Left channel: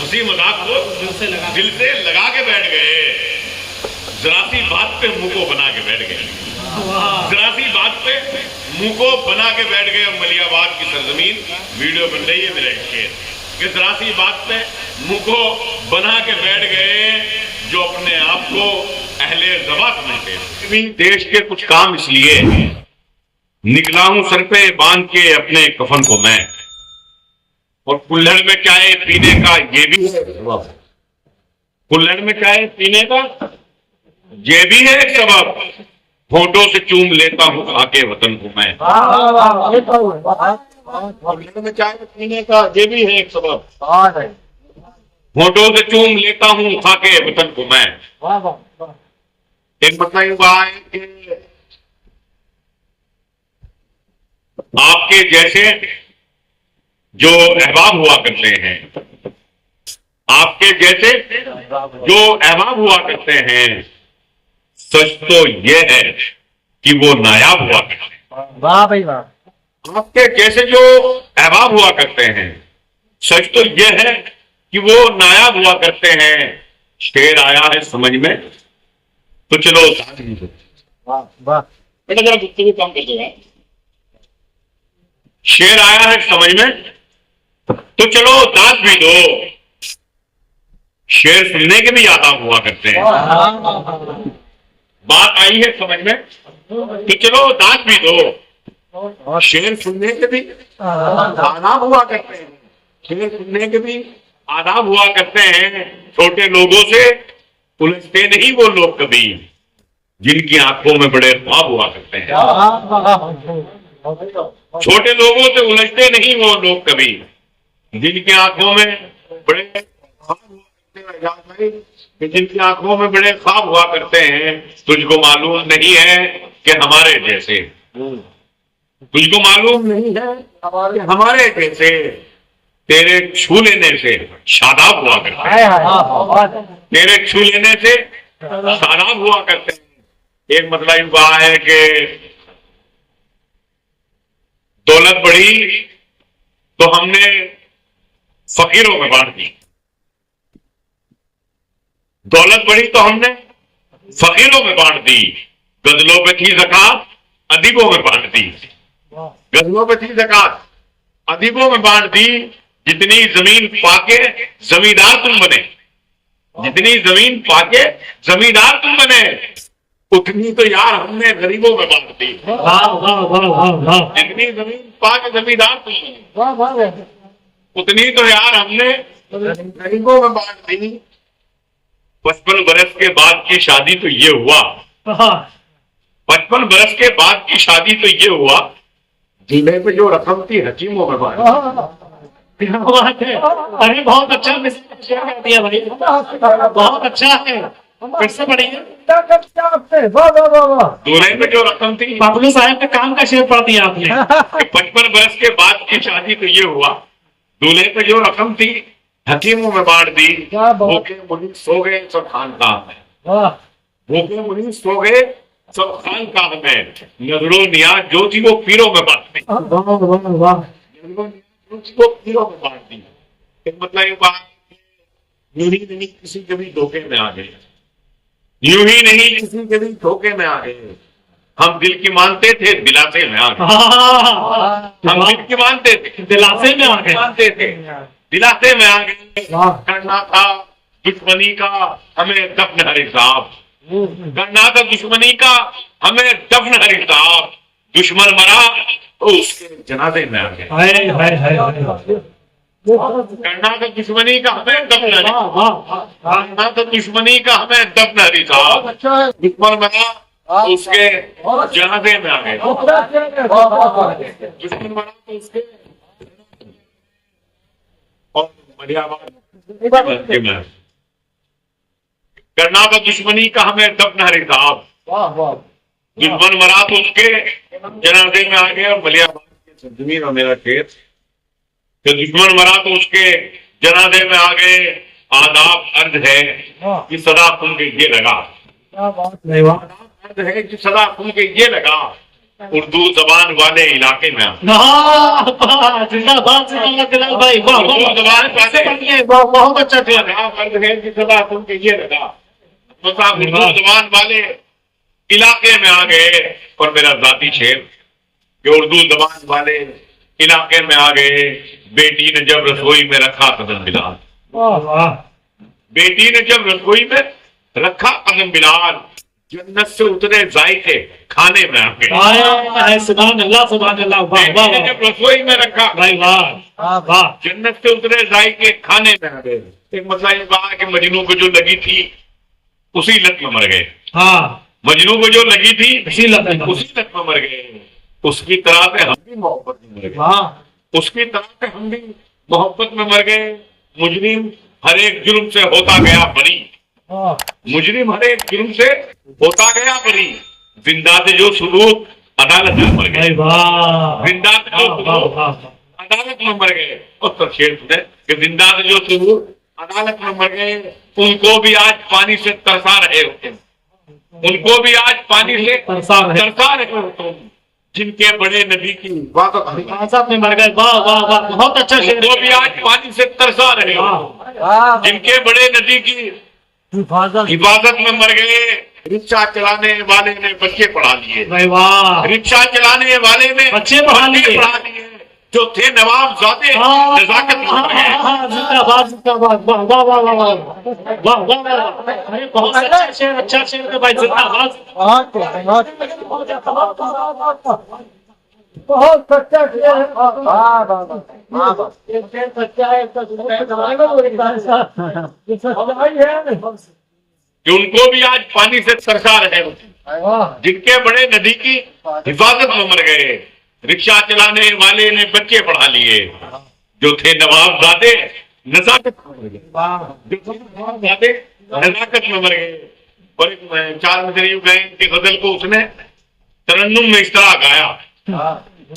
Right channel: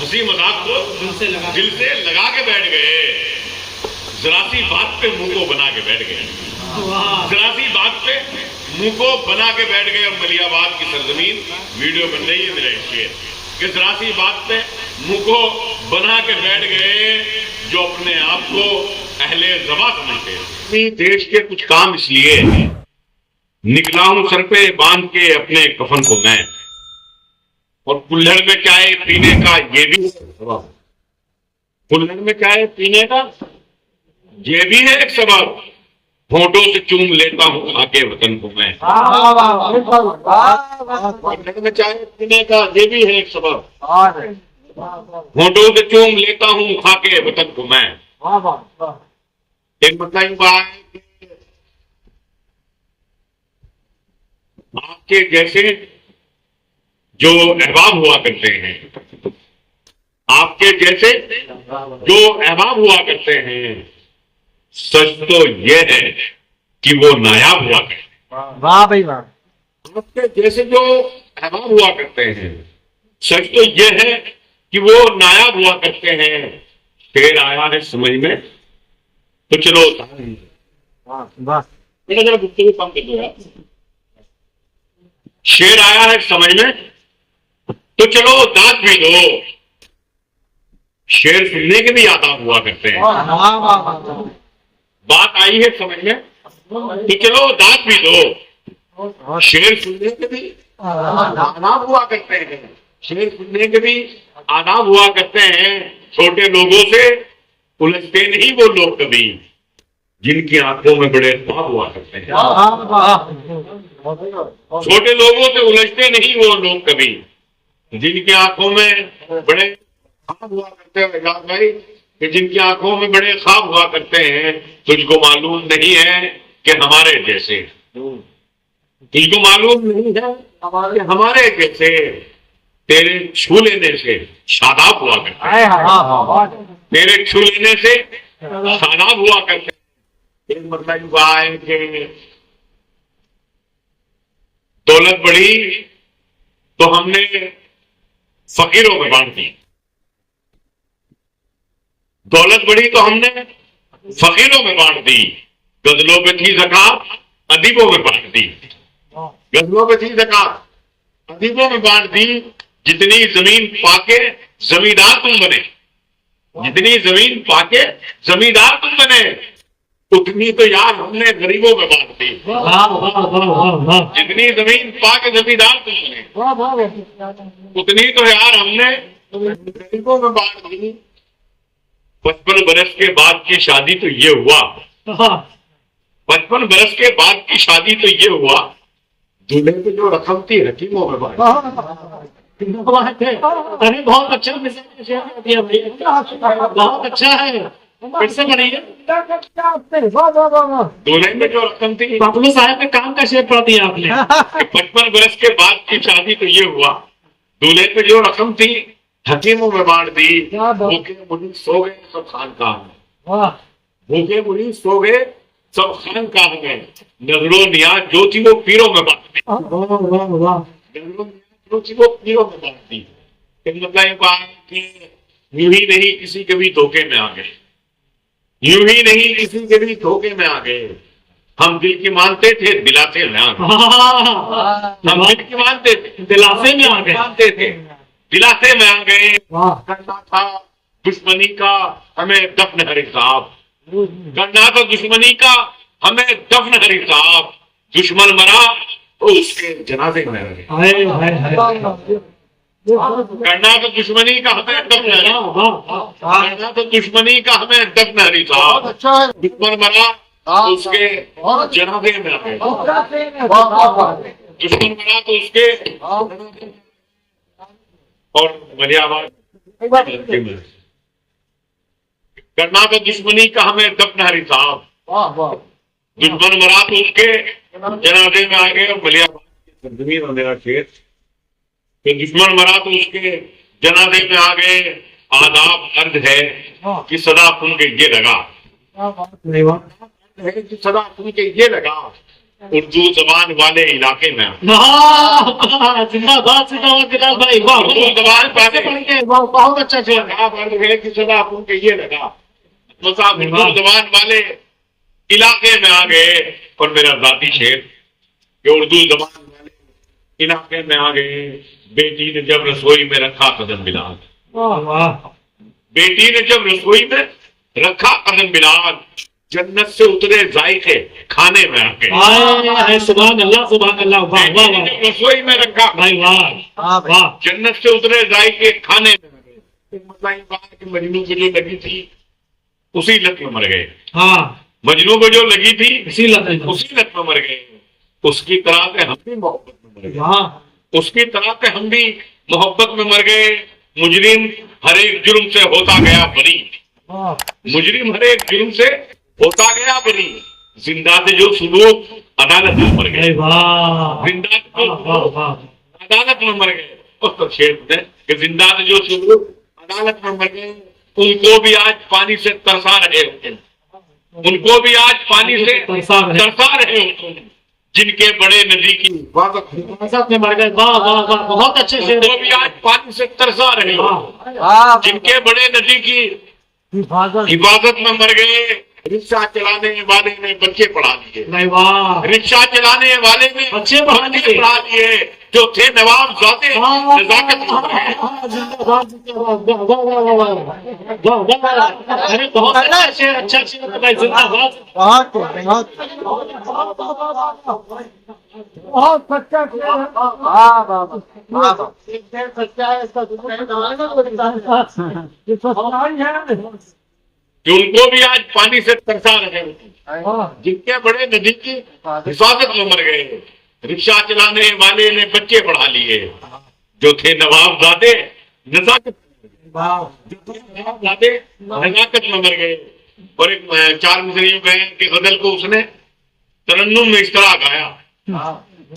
हंसी मजाक को दिल से लगा के बैठ गए, जरा सी बात पे मुंह को बना के बैठ गए, जरा सी बात पे मुंह को बना के बैठ गए। और मलियाबाद की सरजमीन वीडियो बन रही है देखिए कि जरा सी बात पे मुंह को बना के बैठ गए जो अपने आप को अहले ज़बा समझते। देश के कुछ काम इसलिए निकला हूं सर पे बांध के अपने कफन को मैं, और कुल्हड़ में चाय पीने का ये भी है, कुल्हड़ में चाय पीने का ये भी है एक सबब, होठों से चूम लेता हूँ आके वतन को मैं। कुल्हड़ में चाय पीने का ये भी है एक सबब, होठों से चूम लेता हूँ खाके वतन को मैं। एक मतलब युवा है कि आपके जैसे जो अहबाब हुआ करते हैं, आपके जैसे जो अहबाब हुआ करते हैं, सच तो यह है कि वो नायाब हुआ करते हैं। वाह भाई वाह। आपके जैसे जो अहबाब हुआ करते हैं, सच तो यह है कि वो नायाब हुआ करते हैं। शेर आया है समझ में तो चलो वाह बेटा जरा गुफ्तगू कम कर दो यार। शेर आया है समझ में तो चलो दांत भी दो। शेर सुनने के भी आदाब हुआ करते हैं। बात आई है समझ में तो चलो दांत भी दो। शेर सुनने के भी आदाब हुआ करते हैं। शेर सुनने के भी आदाब हुआ करते हैं। छोटे लोगों से उलझते नहीं वो लोग कभी, जिनकी आंखों में बड़े ख्वाब हुआ करते हैं। छोटे लोगों से उलझते नहीं वो लोग कभी, जिनकी आंखों में बड़े ख्वाब हुआ करते हैं। भाई कि जिनकी आंखों में बड़े ख्वाब हुआ करते हैं, तुझको मालूम नहीं है कि हमारे जैसे, तुझको मालूम नहीं है कि हमारे जैसे तेरे छू लेने से शादाब हुआ करते हैं। तेरे छू लेने से शादाब हुआ करते हैं। एक मतलब युवा है कि दौलत बढ़ी तो हमने फकीरों में बांट दी, दौलत बढ़ी तो हमने फकीरों में बांट दी। गजलों पे थी ज़कात अदीबों में बांट दी, गजलों पे थी ज़कात अदीबों में बांट दी। जितनी जमीन पाके जमींदार तुम बने, जितनी जमीन पाके जमींदार तुम बने, उतनी तो यार हमने गरीबों में बांट दी। जितनी जमीन पाके जमींदार तुम बने, उतनी तो यार हमने गरीबों में बांट दी। 55 बरस के बाद की शादी तो ये हुआ, 55 बरस के बाद की शादी तो ये हुआ, दूल्हे पे जो रकम थी हकीमों में बांट। बात है। अरे बहुत अच्छा मैसेज शेयर कर दिया भाई, बहुत अच्छा है। फिर से बढ़िया, दूल्हे पे जो रकम थी बाबुल साहब के काम का शेयर पढ़ दिया आपने। 55 बरस के बाद की शादी तो ये हुआ, दूल्हे पे जो रकम थी हकीमों में बांट दी। भूखे मुनीस सो गए सब खानकाह में, भूखे मुनीस सो गए सब खानकाह में, नजरों नियाज जो थी वो पीरों में बांट दी। जो थी वो पीरों में बांट दी। एक मतलब ये बात कि यूं ही नहीं किसी के भी धोखे में आ गए, यूं ही नहीं किसी के भी धोखे में आ गए। हम दिल की मानते थे दिलासे में आ गए, हम दिल की मानते थे दिलासे में आ गए, मानते थे दिलासे में आ गए। करना था दुश्मनी का हमें दफन हर हिसाब, करना था दुश्मनी का हमें दफन हर हिसाब। दुश्मन मरा तो उसके जनाजे में आ गए। करना तो दुश्मनी का हमें दफन हर, करना तो दुश्मनी का हमें दफन हर हिसाब। दुश्मन मरा तो उसके जनाजे में आ गए, दुश्मन मरा तो उसके। और मलियाबाद करना तो दुश्मनी का हमें दफन हर हिसाब, दुश्मन मरा तो उसके जनाजे में आ गए। और मलियाबाद की सरजमीन में मेरा खेत कि दुश्मन मरा तो उसके जनाजे में आ गए। आदाब अर्ज है कि सदा सुन के ये लगा, आदाब अर्ज है कि सदा सुन के ये लगा उर्दू जबान वाले इलाके में आगे। वाह, जिंदाबाद जिंदाबाद बिलाल भाई, वाह उर्दू वाह, जबान वाले बहुत अच्छा शेर है। आप अर्ज है कि सदा अपन के ये लगा तो साहब उर्दू जबान वाले इलाके में आ गए। और मेरा जाती शेर कि उर्दू जबान वाले इलाके में आ गए। बेटी ने जब रसोई में रखा कदम बिलाल, वाह वाह, बेटी ने जब रसोई में रखा कदम बिलाल, जन्नत से उतरे जायके खाने में आ गए। आया है, सुभान अल्लाह सुभान अल्लाह, वाह बेटी वाह ने वाह जब रसोई में रखा भाई, वाह वाह, जन्नत से उतरे जायके खाने में आ गए। एक मतलब ये कहा कि मजनू को जो लगी थी उसी लत में मर गए। हाँ, मजनू को जो लगी थी इसी लगता है, उसी लत में मर गए। उसकी तरह से हम भी मोहब्बत में मर गए। वाह, उसकी तरह से हम भी मोहब्बत में मर गए। मुजरिम हर एक जुर्म से होता गया बरी, वाह, मुजरिम हर एक जुर्म से होता गया बरी। जिंदा से जो सबूत अदालत में मर गए, भाई वाह, जिंदा से जो वाह वाह सबूत वाह, अदालत में मर गए। उस पर शेर कि जिंदा से जो सबूत अदालत में मर गए, उनको भी आज पानी से तरसा रहे हो तुम, उनको भी आज पानी से तरसा रहे हो तुम, जिनके बड़े नदी की साहब में मर गए, वाह वाह वाह, बहुत अच्छा शेर उनको भी आज पानी से तरसा रहे हो, जिनके बड़े नदी की हिफाजत में मर गए। रिक्शा चलाने वाले ने बच्चे पढ़ा लिए, भाई वाह, रिक्शा चलाने वाले ने बच्चे पढ़ा लिए। जो थे नवाब जाते नजाकत में मर गए। जिंदाबाद जिंदाबाद, वाह वाह वाह वाह वाह वाह वाह, अरे बहुत अच्छा शेर है भाई, जिंदाबाद, बहुत सच्चा शेर है, सच्चा है, सच्चाई है। कि उनको भी आज पानी से तरसा रहे हो, जिनके बड़े नदी की हिफाजत में मर गए। रिक्शा चलाने वाले ने बच्चे पढ़ा लिए, जो थे नवाबजादे नजाकत में मर गए, जो थे नवाबजादे नजाकत में मर गए। और एक चार मिसरी यूं गए कि गजल को उसने तरन्नुम में इस तरह गाया,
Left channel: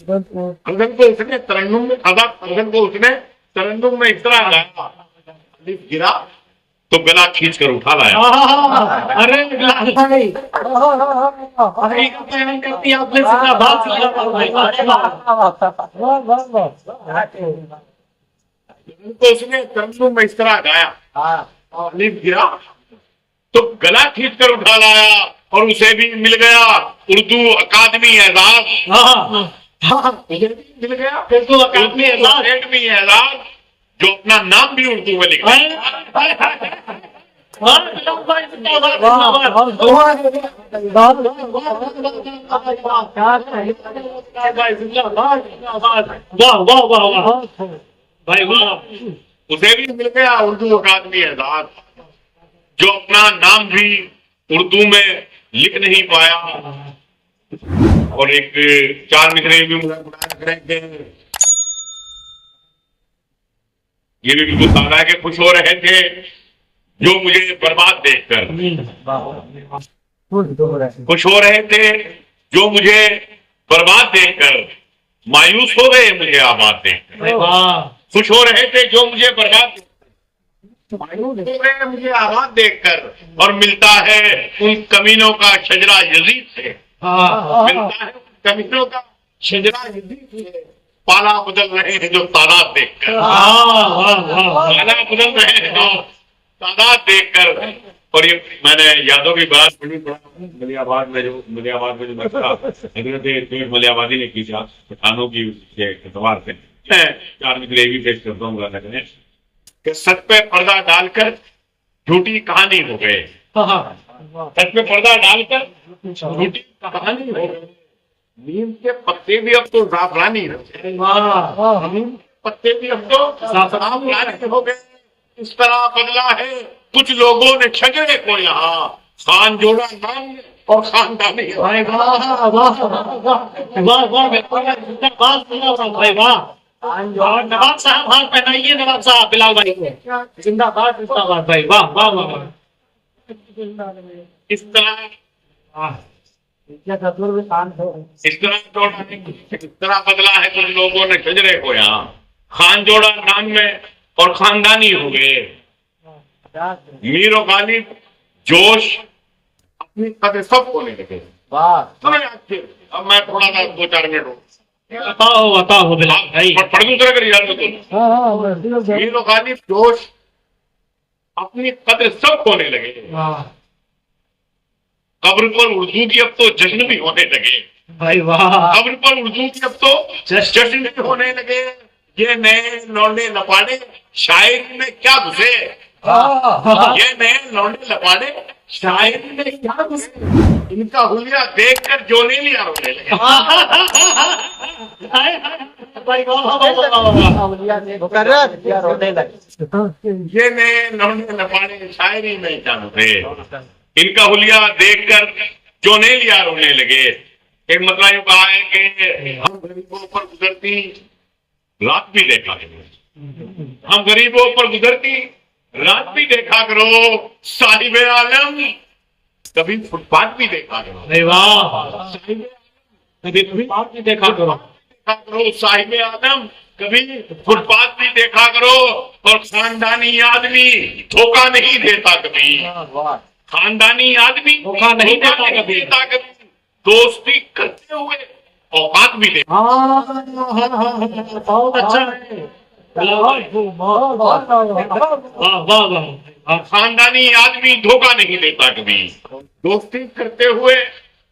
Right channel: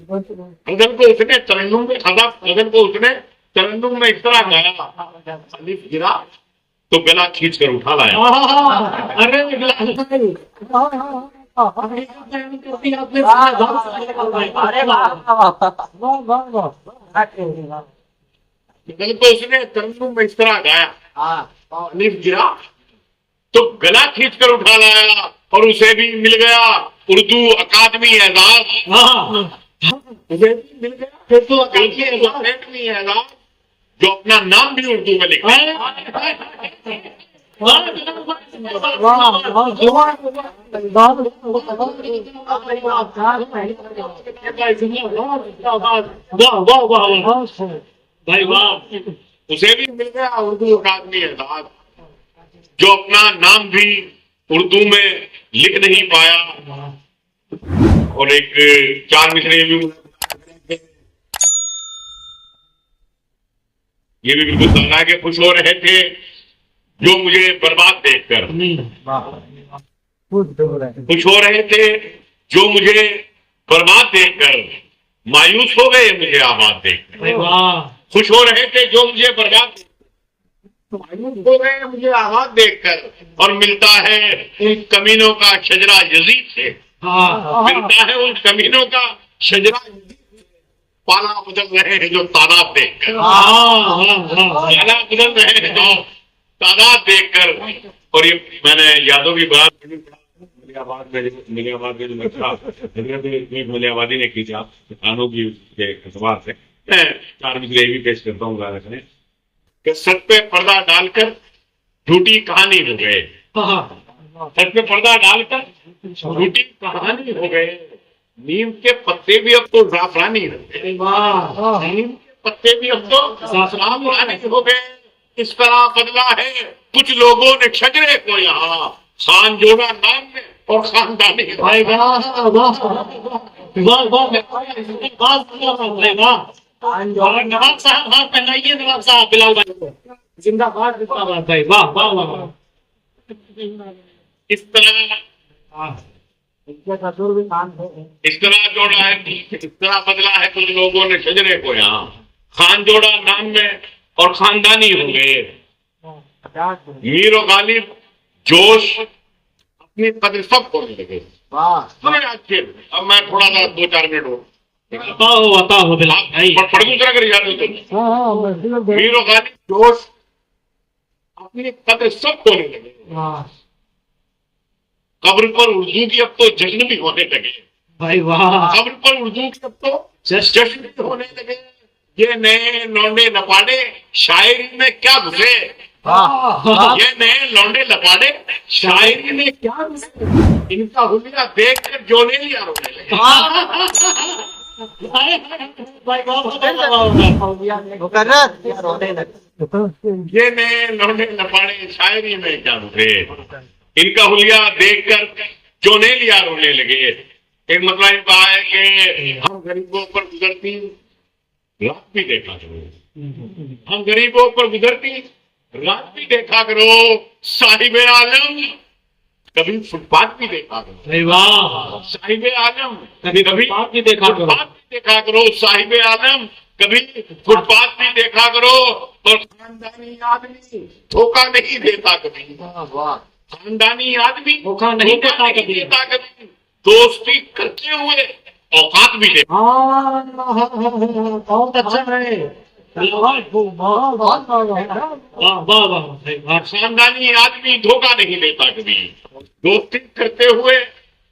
गजल को उसने तरन्नुम में गजल को उसने तरन्नुम में इस तरह गाया, अलिफ गिरा तो गला खींच कर उठा लाया। अरे बिलाल भाई, अरे बयान करती आपने, जिंदाबाद जिंदाबाद भाई, वाह वाह वाह, गजल को उसने तरन्नुम में इस तरह गाया, अलिफ गिरा तो गला खींच कर उठा लाया। और उसे भी मिल गया उर्दू अकादमी एजाज, उसे भी मिल गया उर्दू अकादमी एजाज, जो अपना नाम भी उर्दू में लिखा। भाई वाह, उसे भी मिल गया उर्दू अकादमी एजाज, जो अपना नाम भी उर्दू में लिख नहीं पाया। और एक चार मिसरे ये भी बिल्कुल समझा के खुश हो रहे थे, जो मुझे बर्बाद देखकर खुश हो रहे थे, जो मुझे बर्बाद देखकर मायूस हो गए मुझे आबाद देखकर। खुश हो रहे थे जो मुझे बर्बाद मायूस हो गए मुझे आबाद देखकर। और मिलता है उन कमीनों का शजरा यजीद से, मिलता है उन कमीनों का शजरा यजीद से। पाला बदल रहे हैं जो तादाद देखकर, पाला बदल रहे हैं जो तादाद देखकर। और ये मैंने यादों की बात पढ़ी मलियाबाद में जो मसला हजरत मलियाबादी ने की था पठानों की एतबार से, चार मिसरे भी पेश करता हूँ गाने में कि सच पे पर्दा डालकर झूठी कहानी हो गए, सच पे पर्दा डालकर झूठी कहानी हो गए। नीम के पत्ते भी अब तो जाफरानी हो गए, नीम के पत्ते भी अब तो जाफरानी हो गए। इस तरह बदला है कुछ लोगों ने शजरे को यहाँ, खान जोड़ा नाम में और खानदानी। भाई वाह वाह वाह वाह भाई वाह। और नवाब साहब हाथ पहनाइए, नवाब साहब बिलाल भाई को, जिंदाबाद जिंदाबाद भाई, वाह वाह वाह। इस तरह जोड़ा है, इस तरह बदला है कुछ लोगों ने शजरे को यहाँ, खान जोड़ा नाम में और खानदानी हो गए। मीर और गालिब जोश अपनी कदर सब खोने लगे, वाह सुनो आज फिर अब मैं थोड़ा सा 2-4 मिनट हो बताओ बिलाल भाई। पढ़ दूसरा कर याद हो तुम हाँ हाँ मीर गालिब दोस्त अपनी कद्र सब होने लगे। वाह कब्र पर उर्दू की अब तो जश्न भी होने लगे। भाई वाह। कब्र पर उर्दू की अब तो जश्न भी होने लगे। ये नए लौंडे लपाड़े शायरी में क्या घुसे। ये नए लौंडे लपाड़े शायरी में क्या घुसे। इनका हुलिया देखकर जो नहीं लिया रोने लगे। भाई वाह वाह वाह। मुकर्रर ये नए लौंडे लपाड़े शायरी में क्या घुसे। इनका हुलिया देखकर जो नहीं लिया रोने लगे। एक मतलब ये कहा है कि हम गरीबों पर गुजरती रात भी देखा करो। हम गरीबों पर गुजरती रात भी देखा करो। साहिबे आलम कभी फुटपाथ भी देखा करो। भाई वाह। साहिबे आलम कभी फुटपाथ भी देखा करो। फुटपाथ भी देखा करो। साहिबे आलम कभी फुटपाथ भी देखा करो। और खानदानी आदमी धोखा नहीं देता कभी। खानदानी आदमी धोखा नहीं देता कभी। दोस्ती करते हुए औकात भी देता। बहुत अच्छा है। वाह वाह वाह। खानदानी आदमी धोखा नहीं देता कभी। दोस्ती करते हुए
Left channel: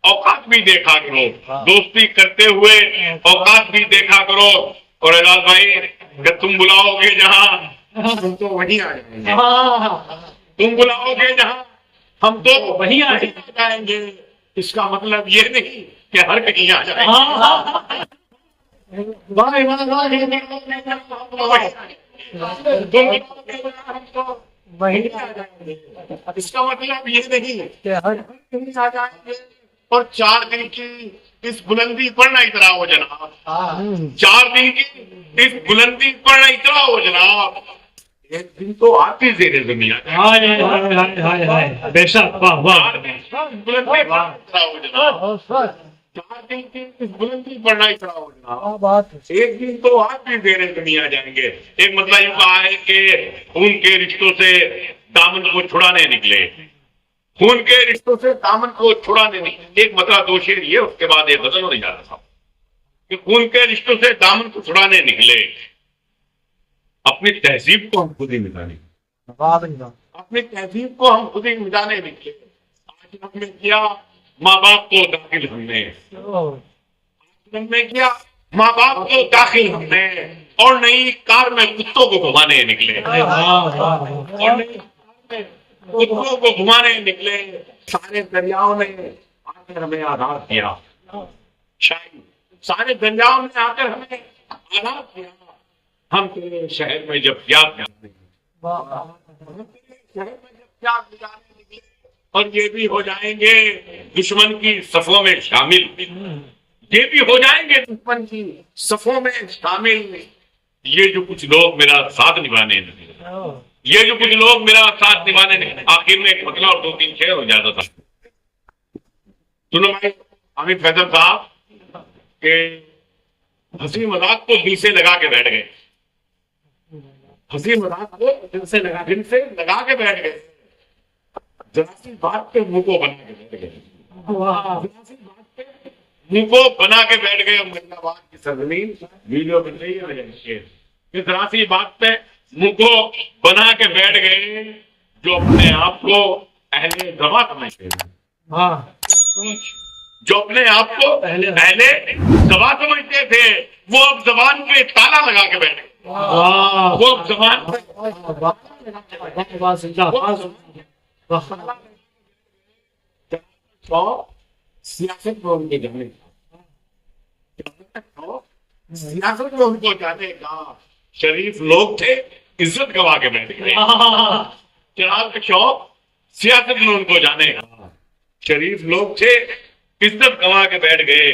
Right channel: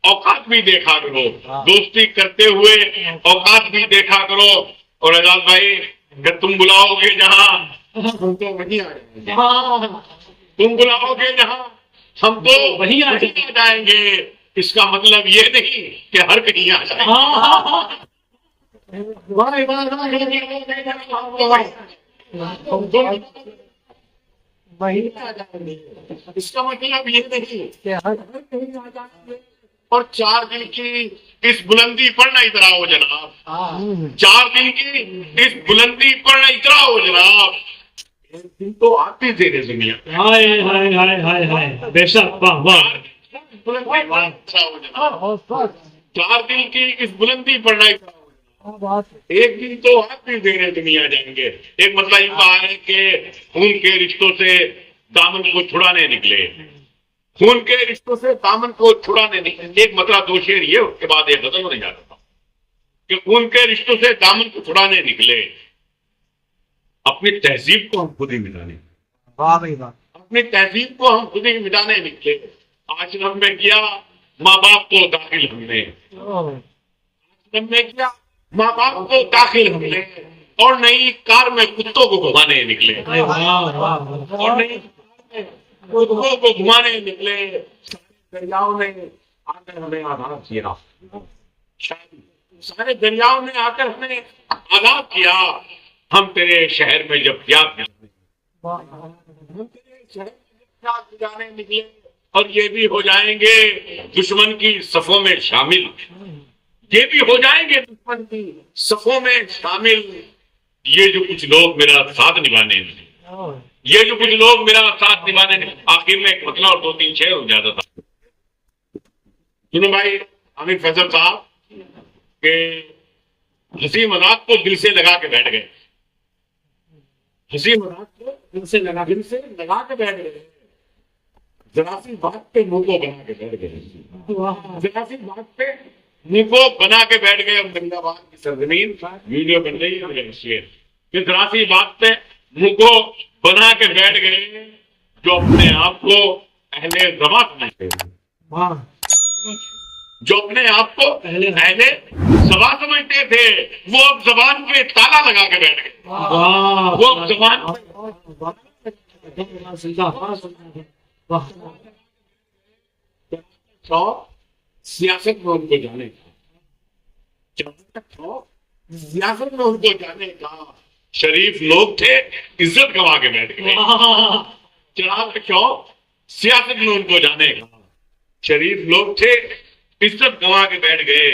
औकात भी देखा करो। दोस्ती करते हुए औकात भी देखा करो। और एजाज भाई अगर तुम बुलाओगे जहाँ हम तो वहीं आ जाएंगे। तुम बुलाओगे जहाँ हम तो वहीं आ जाएंगे। इसका मतलब ये नहीं कि हर कहीं आ जाए। वही इसका मतलब ये नहीं कि हर कहीं आ जाएंगे। और 4 दिन की इस बुलंदी पर न इतराओ जनाब। 4 दिन की इस बुलंदी पर न इतराओ जनाब। एक दिन तो आपकी जेरे जमीन हाय हाय हाय हाय हाय। बेशक वाह वाह। बुलंदी पर न इतराओ जनाब। 4 दिन की इस बुलंदी पर न इतराओ जनाब। बात एक दिन तो आप भी देरे दुनिया जाएंगे। एक मतलब ये कहा है कि खून के रिश्तों से दामन को छुड़ाने निकले। खून के रिश्तों से दामन को छुड़ाने निकले। एक मतलब 2 शेर ये उसके बाद एक गजल नहीं जा रहा था कि खून के रिश्तों से दामन को छुड़ाने निकले। अपनी तहजीब को हम खुद ही मिटाने। वाह भाई वाह। अपनी तहजीब को हम खुद ही मिटाने निकले। आश्रम में किया माँ बाप को दाखिल हमने। आश्रम में किया माँ बाप को दाखिल हमने। और नई कार में कुत्तों को घुमाने निकले। और नई कार में कुत्तों को घुमाने निकले। सारे दरियाओं ने आकर हमें आजाद किया। शायद सारे दरियाओं ने आकर हमें आजाद किया। हम तेरे शहर में जब त्याग हम तेरे शहर में जब त्याग गुजारने निकले। और ये भी हो जाएंगे दुश्मन की सफों में शामिल। ये भी हो जाएंगे दुश्मन की सफों में शामिल। ये जो कुछ लोग मेरा साथ निभाने निकले। ये जो कुछ लोग मेरा साथ निभाने निकले। आखिर में एक मतलब और 2-3 शेर हो जाता था। सुनो भाई हामिद फैसल साहब के हंसी मजाक को दिल से लगा के बैठ गए। हंसी मजाक को दिल से लगा के बैठ गए। जरा सी बात पे मुंह को बना के बैठ गए। जरा सी बात पे मुंह को बना के बैठ गए। मरीदाबाद की सरजमीन वीडियो बन रही है। कि जरा सी बात पे मुंह को बना के बैठ गए। जो अपने आप को अहले ज़बां समझते हैं। जो अपने आप को अहले ज़बां समझते थे वो अब जबान पे ताला लगा के बैठ गए। वो अब जबान सियासत में उनको जाने का सियासत में उनको जाने का शरीफ लोग थे। इज्जत गवा के बैठ गए। चिराग का शौक सियासत में उनको जाने का शरीफ लोग थे। इज्जत गवा के बैठ गए।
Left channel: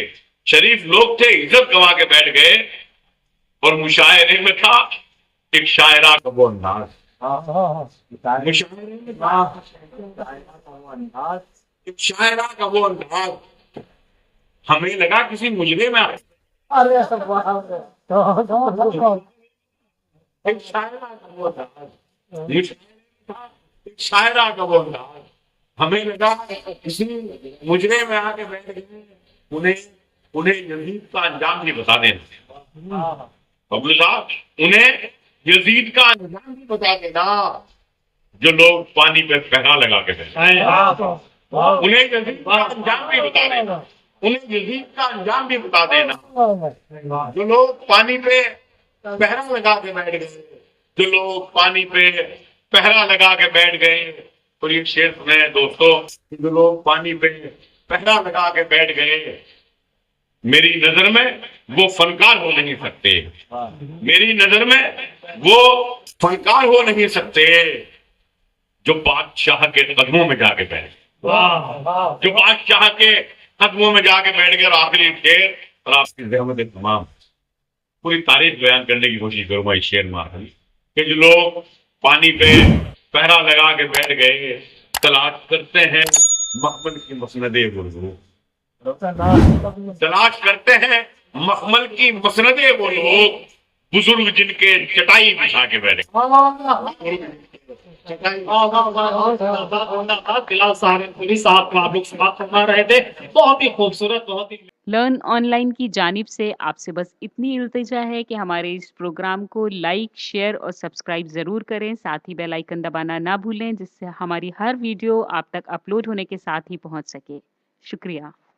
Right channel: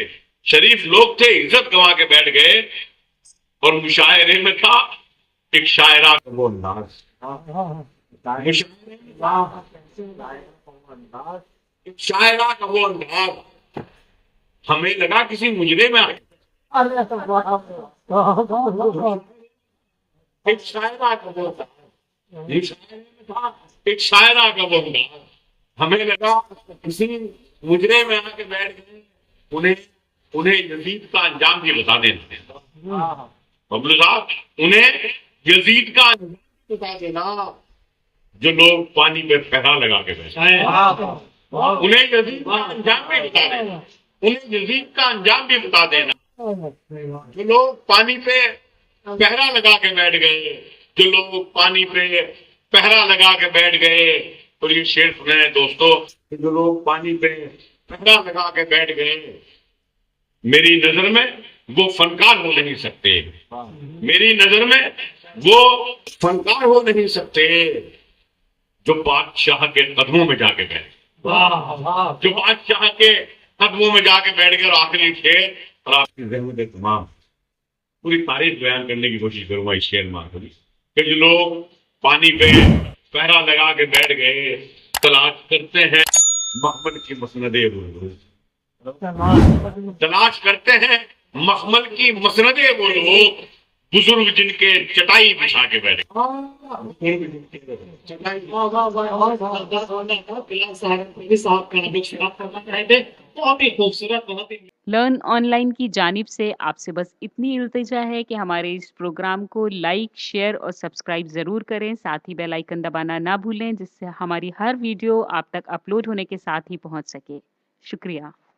शरीफ लोग थे इज्जत गवा के बैठ गए। और मुशायरे में था एक शायरा का वो अंदाज। मुशायरे में था एक शायरा का वो अंदाज। हमें लगा किसी मुजरे में एक शायरा का वो अंदाज। मुशायरे में था एक शायरा का वो अंदाज। हमें लगा किसी मुजरे में आके बैठ गए, उन्हें उन्हें यजीद का अंजाम भी बता देना। बबलू साहब, उन्हें यजीद का अंजाम भी बता देना, जो लोग पानी पे पहरा लगा के बैठे। उन्हें यजीद का अंजाम भी बता देना, उन्हें यजीद का अंजाम भी बता देना, जो लोग पानी पे पहरा लगा के बैठ गए, जो लोग पानी पे पहरा लगा के बैठ गए। और ये शेर सुने दोस्तों, जो लोग पानी पे पहरा लगा के बैठ गए, मेरी नजर में वो फनकार हो नहीं सकते, मेरी नजर में वो फनकार हो नहीं सकते, जो बादशाह के कदमों में जाके बैठ, जो बादशाह के कदमों में जाके बैठ गए। और आखिरी शेर, और आपकी रहमत तमाम पूरी तारीफ बयान करने की कोशिश करूंगा इस शेर में आखिरी, कि जो लोग पानी पे पहरा लगा के बैठ गए, तलाश करते हैं मखमल की मसनदे वो लोग, तलाश करते हैं मखमल की मसनदे वो लोग, बुजुर्ग जिनके चटाई बिछा के बैठे। बिलाल साहब को आप लोग समाप्त करवा रहे थे, बहुत ही खूबसूरत, बहुत ही। लर्न ऑनलाइन की जानिब से आपसे बस इतनी इल्तिजा है कि हमारे इस प्रोग्राम को लाइक, शेयर और सब्सक्राइब ज़रूर करें। साथ ही बेल आइकन दबाना ना भूलें, जिससे हमारी हर वीडियो आप तक अपलोड होने के साथ ही पहुंच सके। शुक्रिया।